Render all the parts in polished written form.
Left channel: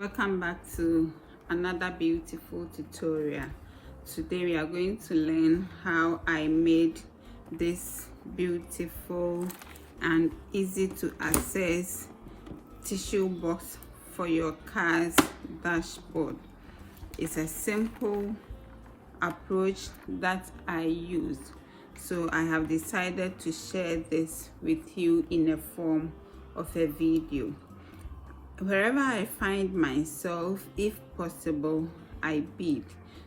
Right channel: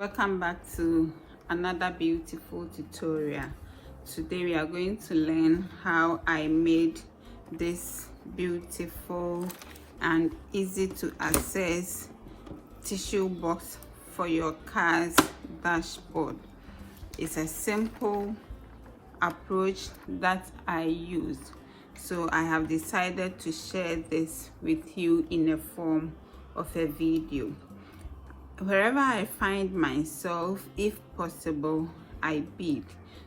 Welcome back to another beautiful tutorial. Today we are going to learn how I made this beautiful and easy to access tissue box for your car's dashboard. It's a simple approach that I use, so I have decided to share this with you in the form of a video. Wherever I find myself, if possible, I bead.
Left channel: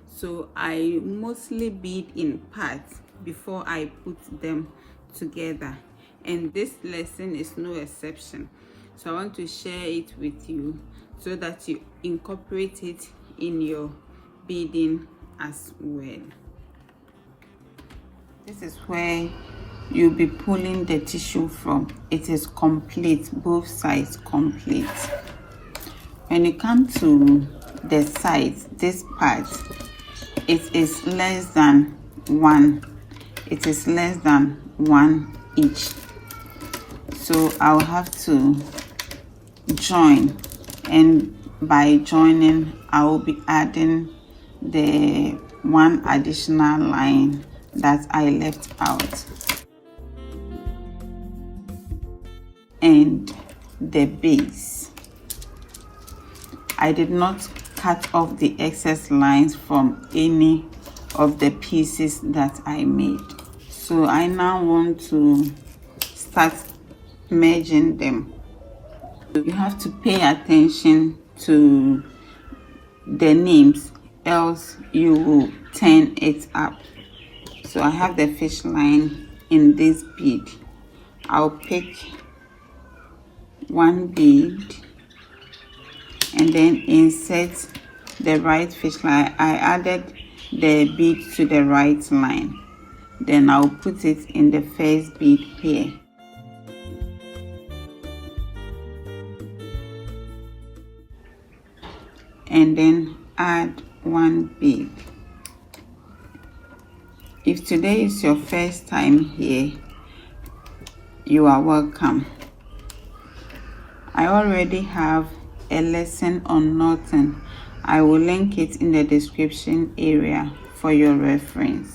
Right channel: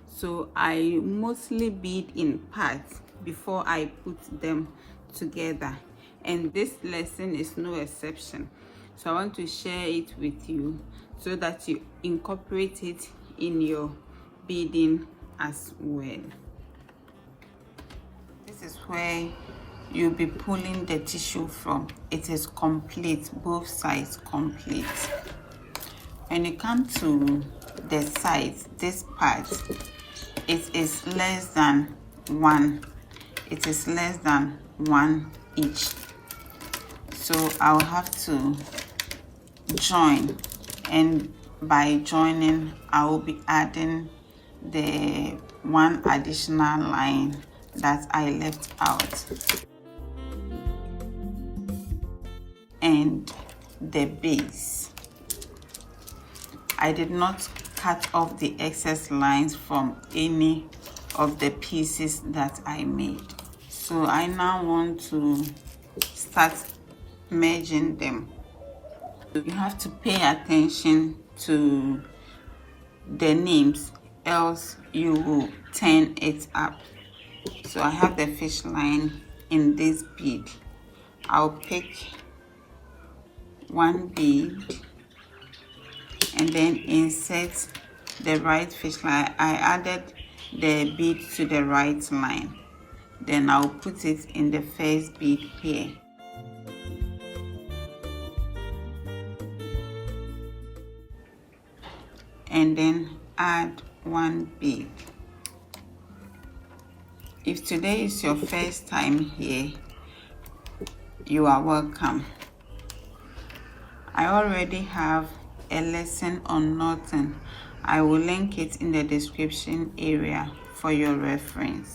So I mostly bead in parts before I put them together, and this lesson is no exception. So I want to share it with you so that you incorporate it in your beading as well. This is where you'll be pulling the tissue from. It is complete, both sides complete. When you come to the sides, this part, it is less than one. It is less than one each. So I'll have to join, and by joining, I will be adding the one additional line that I left out, and the base. I did not cut off the excess lines from any of the pieces that I made. So I now want to start merging them. You have to pay attention to the names, else you will turn it up. So I have the fish line in this bead. I'll pick one bead and then insert the right fish line. I added the bead to the right line. Then I'll put it in the first bead here. And then add one bead. If today is your first time here, you are welcome. I already have a lesson on knotting. I will link it in the description area for your reference.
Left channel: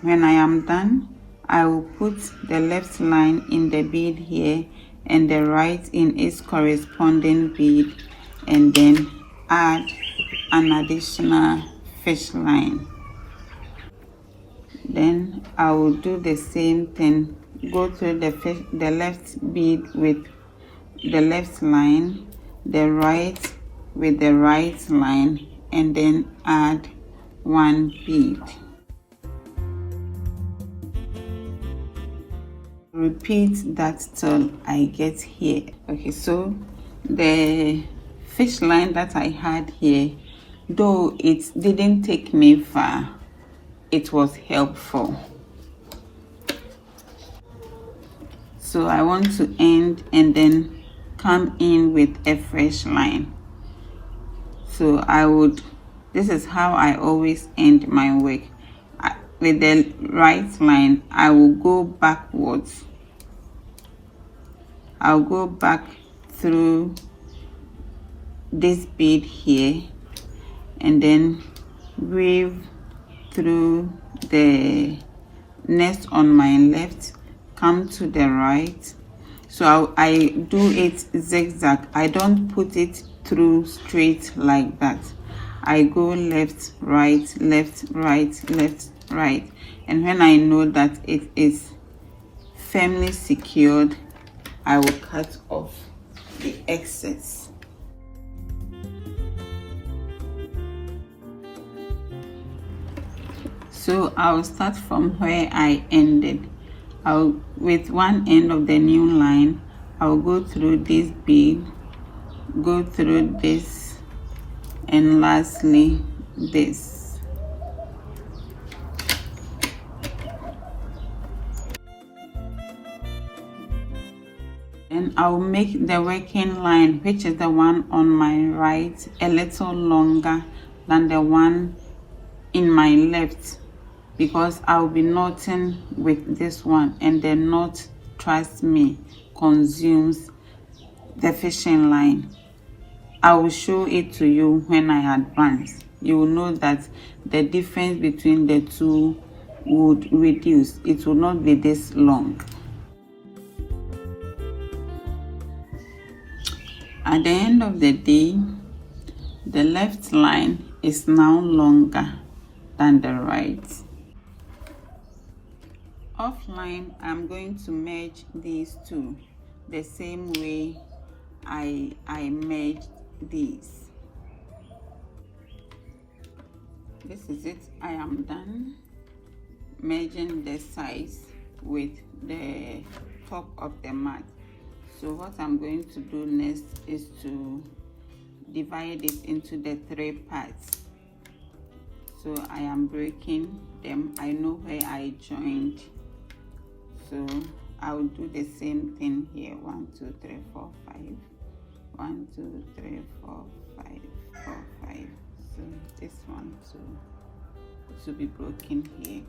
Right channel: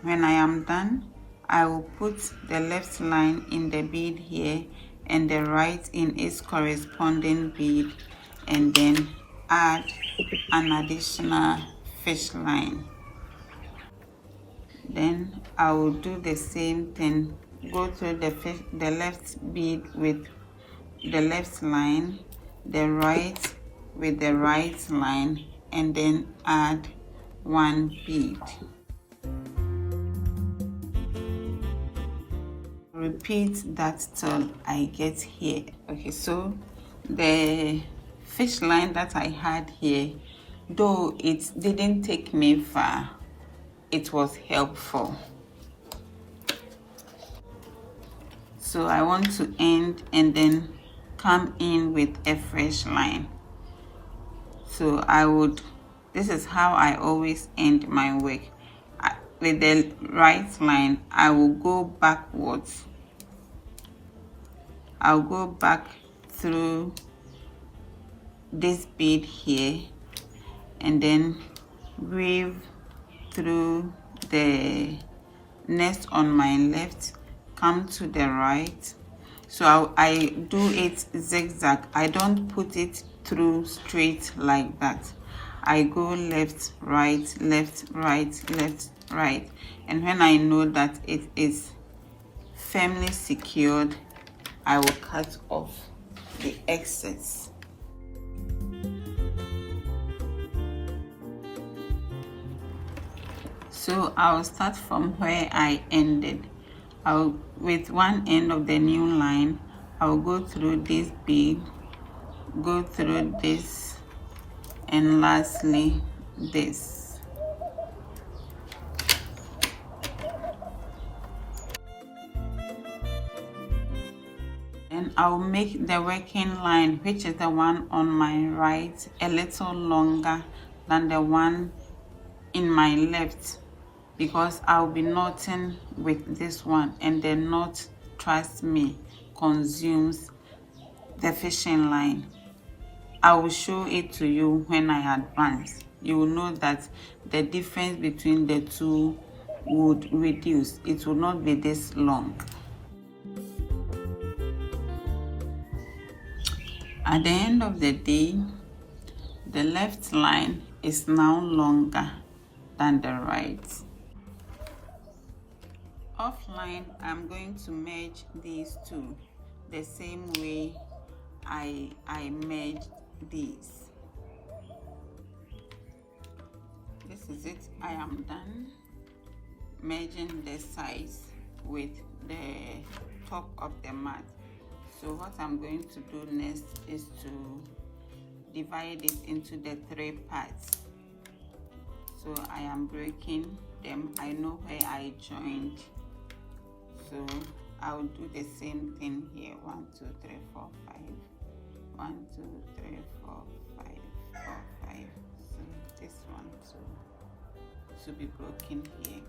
When I am done, I will put the left line in the bead here and the right in its corresponding bead, and then add an additional fish line. Then I will do the same thing. Go to the left bead with the left line, the right with the right line, and then add one bead. Repeat that till I get here. Okay, so the fish line that I had here, though it didn't take me far, it was helpful. So I want to end and then come in with a fresh line. So this is how I always end my work. With the right line, I will go backwards. I'll go back through this bead here and then weave through the next on my left, come to the right. So I do it zigzag. I don't put it through straight like that. I go left, right, left, right, left, right. And when I know that it is firmly secured, I will cut off the excess. So I'll start from where I ended. With one end of the new line, I'll go through this bead, go through this, and lastly this. And I'll make the working line, which is the one on my right, a little longer than the one in my left, because I'll be knotting with this one, and the knot, trust me, consumes the fishing line. I will show it to you when I advance. You will know that the difference between the two would reduce. It will not be this long. At the end of the day, the left line is now longer than the right. Offline, I'm going to merge these two the same way I merged these. This is it. I am done merging the sides with the top of the mat. So what I'm going to do next is to divide it into the 3 parts. So I am breaking them. I know where I joined, so I'll do the same thing here. 1 2 3 4 5. 1 2 3 4 5 4 5. So this one to be broken here.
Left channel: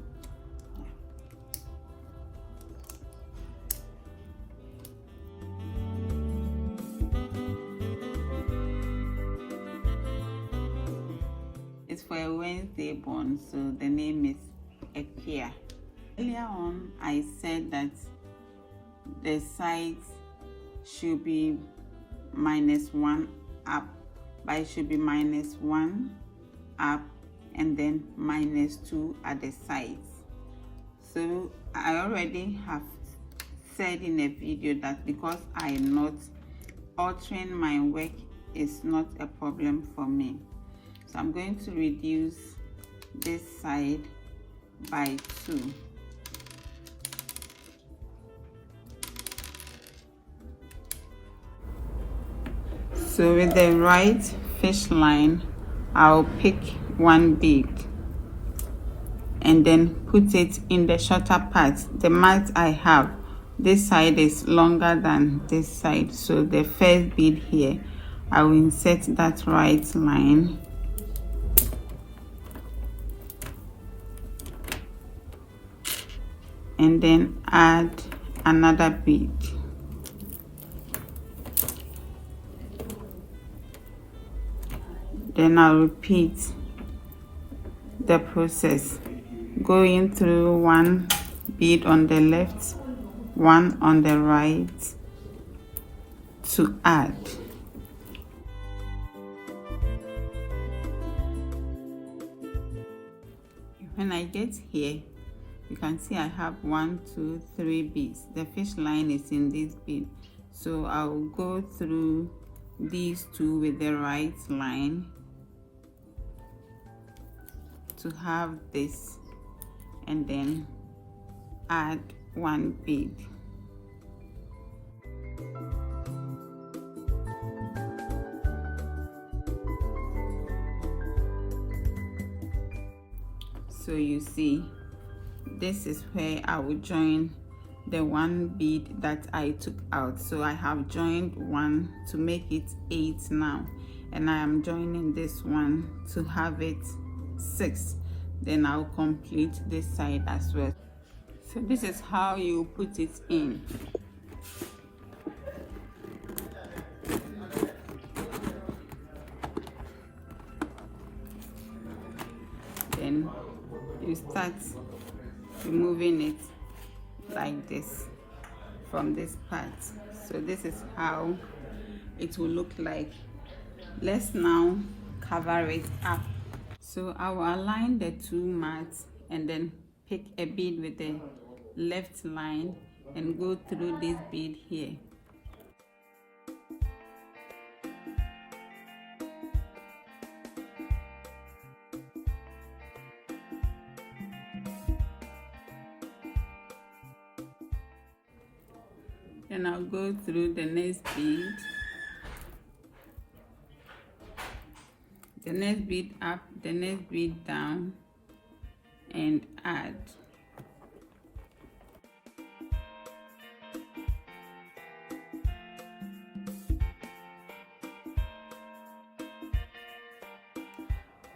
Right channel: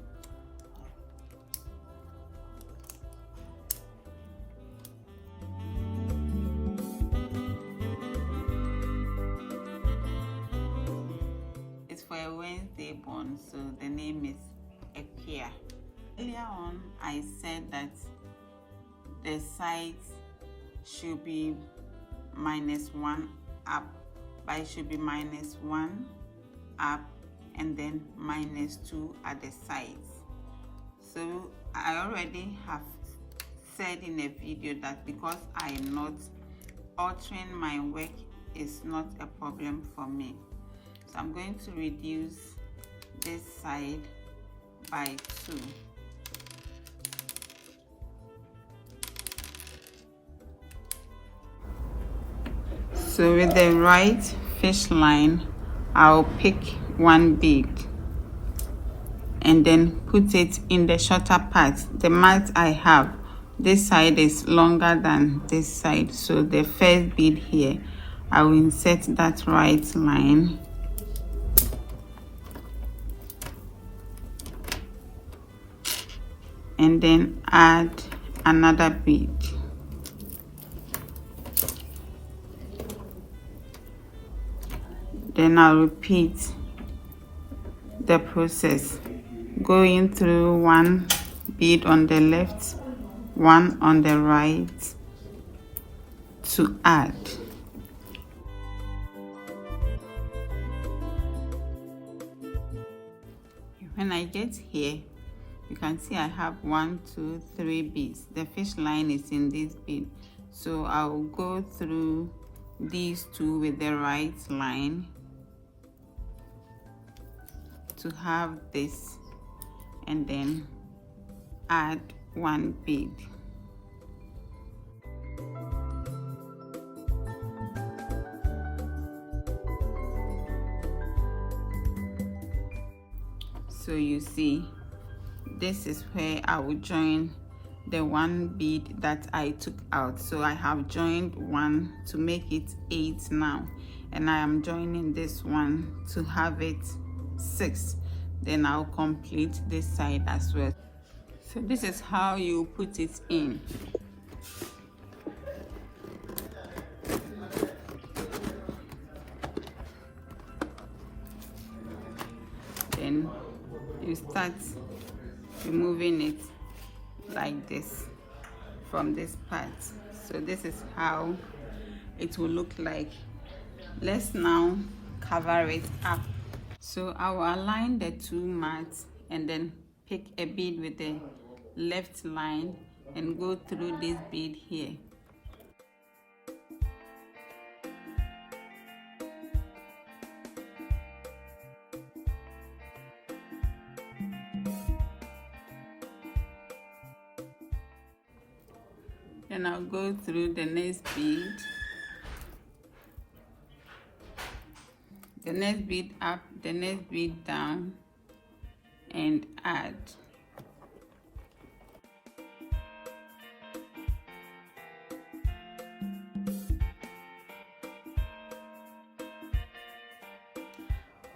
It's for a Wednesday born, so the name is Ekia. Earlier on, I said that the sides should be -1 up, but it should be -1 up and then -2 at the sides. So I already have said in a video that because I'm not altering my work is not a problem for me. So I'm going to reduce this side by 2. So with the right fish line, I'll pick 1 bead and then put it in the shorter part. The mat I have, this side is longer than this side, so the first bead here, I will insert that right line and then add another bead. Then I'll repeat the process, going through 1 bead on the left, 1 on the right to add. When I get here, you can see I have 1 2 3 beads. The fish line is in this bead, so I will go through these 2 with the right line to have this, and then add 1 bead. So you see, this is where I will join the 1 bead that I took out. So I have joined 1 to make it 8 now, and I am joining this one to have it 6. Then I'll complete this side as well. So this is how you put it in. Then you start removing it like this from this part. So this is how it will look like. Let's now cover it up. So I will align the 2 mats and then pick a bead with the left line and go through this bead here. Then I'll go through the next bead, the next bead up, the next bead down, and add.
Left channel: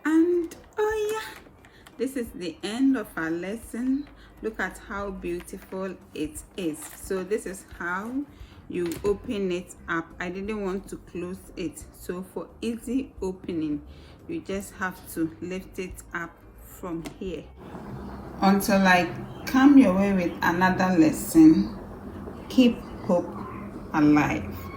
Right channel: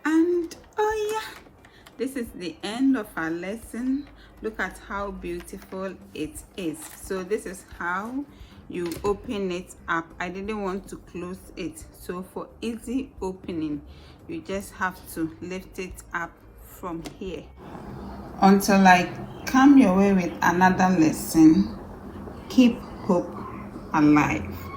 And oh yeah, this is the end of our lesson. Look at how beautiful it is. So this is how you open it up. I didn't want to close it, so for easy opening you just have to lift it up from here. Until I come your way with another lesson, keep hope alive.